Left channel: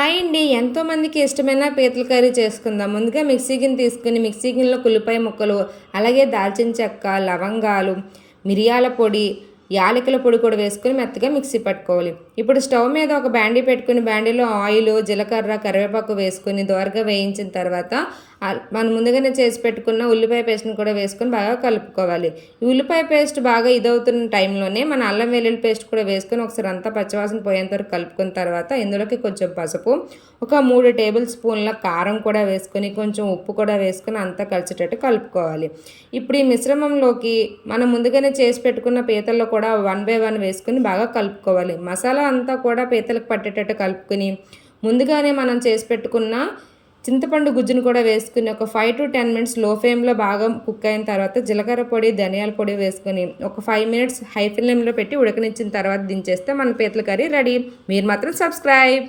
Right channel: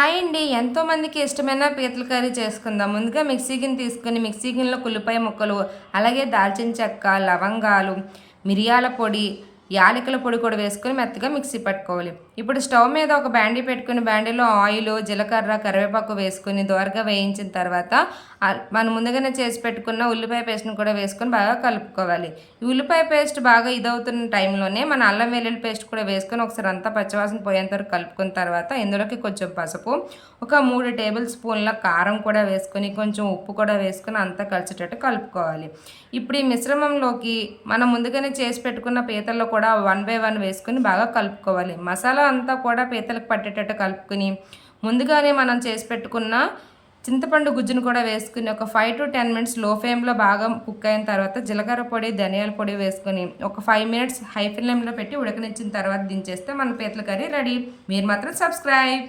Hi అండి. ఎంతోమందికి ఇష్టమైన పీతల కర్రీ చేసుకుందాం. ముందుగా మిక్సీ గిన్నె తీసుకొని మిక్సీ గిన్నెలో కుల్లిపాయ ముక్కలు, అలాగే దాల్చిన చెక్క, లవంగాలు, మిరియాల పొడి, యాలకుల పొడి కూడా వేసుకొని మెత్తగా మిక్సీ పట్టుకోవాలి. ఇప్పుడు స్టవ్ మీద ఒక బాండీ పెట్టుకొని బాండీలో ఆయిల్, జీలకర్ర, కరివేపాకు వేసుకొని దోరగా వేయించిన తర్వాత మనం ముందుగానే చేసి పెట్టుకున్న ఉల్లిపాయ పేస్ట్ని కూడా వేసుకొని బాగా కలుపుకోవాలి. ఈ ఉల్లిపాయ పేస్ట్ బాగా ఇదవుతున్న టైంలోనే మన అల్లం వెల్లుల్లి పేస్ట్ కూడా వేసుకొని ఒకసారి అంతా పచ్చివాసన పోయేంత వరకు కలుపుకున్న తర్వాత ఇందులోకి కొంచెం పసుపు, ఒక 3 టేబుల్ స్పూన్ల కారం కూడా వేసుకొని కొంచెం ఉప్పు కూడా వేసుకొని అంతా కలిసేటట్టు కలుపుకోవాలి. ఇప్పుడు ఈ మిశ్రమంలోకి మనం ముందుగానే చేసి పెట్టుకున్న పీతల్లో కూడా 1 బై 1 వేసుకొని బాగా కలుపుకోవాలి. మసాలా అంతా కూడా పీతలకు పట్టేటట్టు కలుపుకొని ముందుగానే మనం చేసి పెట్టుకున్న చింతపండు గుజ్జును కూడా వేసుకుని ఒక 5 to 10 మినిట్స్ లో ఫ్లేమ్లో బాగా కుక్ అయిన తర్వాత జీలకర్ర పొడి, ధనియాల పొడి వేసుకొని ఒక 5 మినిట్స్ హై ఫ్లేమ్లో పెట్టి ఉడకనిచ్చిన తర్వాత దించేస్తే మన పీతల కర్రీ రెడీ. మీరు మాత్రం సబ్స్క్రైబ్.